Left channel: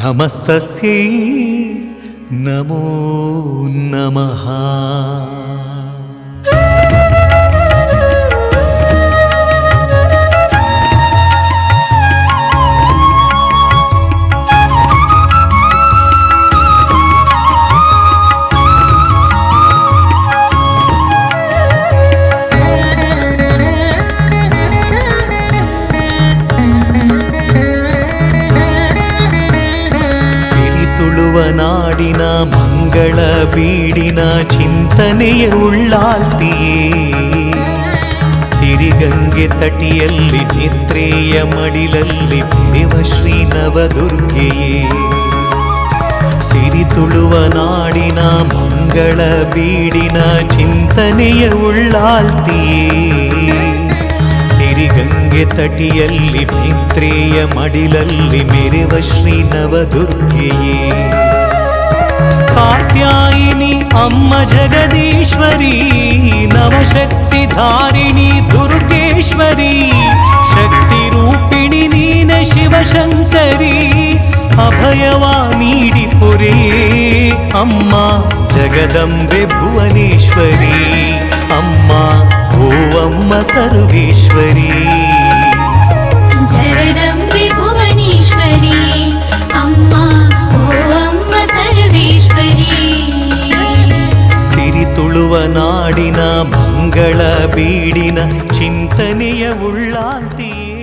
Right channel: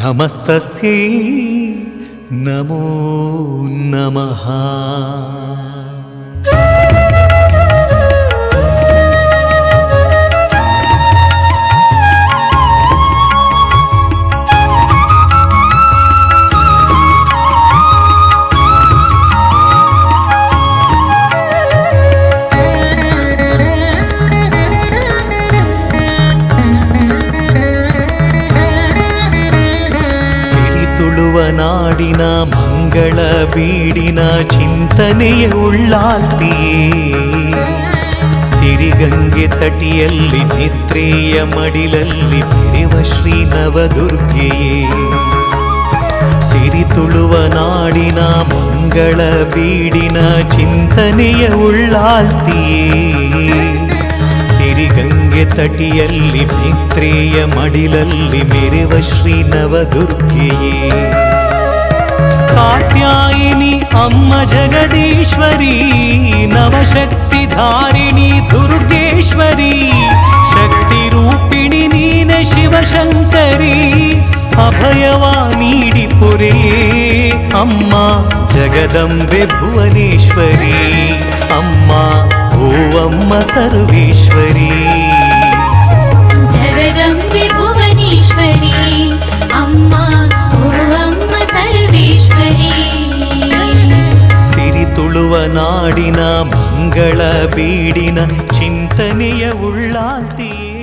నమస్తస్యై నమో నమ. ಸಿರಿತುಳುವ ನಾಡಿನ ಮಂಗಳ ಬೀಡಿನ ಚಿಂತನೆಯ ಉಳ್ಳಾಲ್ತಿಯೇ ಸಿರಿಗಂಗೆ ತಟಿಯಲ್ಲಿ ನಿತ್ರೇಯ ಮಡಿಲಲ್ಲಿ ಬೆರೆವ ಶ್ರೀ ನವದುರ್ಗೆಯೇ ಸಿರಿತುಳುವ ನಾಡಿನ ಮಂಗಳ ಬೀಡಿನ ಚಿಂತನೆಯ ಉಳ್ಳಾಲ್ತಿಯೇ ಸಿರಿಗಂಗೆ ತಟಿಯಲ್ಲಿ ಮಿತ್ರೇಯ ಮಡಿಲಲ್ಲಿ ಮೆರೆವ ಶ್ರೀ ನವದುರ್ಗೆಯೇ ಕಾತ್ಯಾಯಿನಿ ಅಮ್ಮ ಜಗದೀಶ್ವರಿ, ನವಶಕ್ತಿ ಧಾರಿಣಿ ದುರ್ಗೇಶ್ವರಿ, ಶಕ್ತಿ ರೂಪಿಣಿ ನೀನ ಶಿವಶಂಕರಿ, ಅಭಯವ ನೀಡಿ ಪುರೆಯೇ ಅಮ್ಮ ಜಗದಂಬೆ ಭುವನೇಶ್ವರಿ. ಅಮ್ಮ ಓ ಅಮ್ಮ ಸರ್ವೇಶ್ವರಿ ಜಗದಂಬೆ ಭುವನೇಶ್ವರಿ ಅಮ್ಮ ಓ ಅಮ್ಮ ಸರ್ವೇಶ್ವರಿ ಸಿರಿ ತುಳುವ ನಾಡಿನ ಮಂಗಳ ಬೀಡಿನ ಚಿಂತನೆಯ ಉಳ್ಳಾಲ್ತಿಯೇ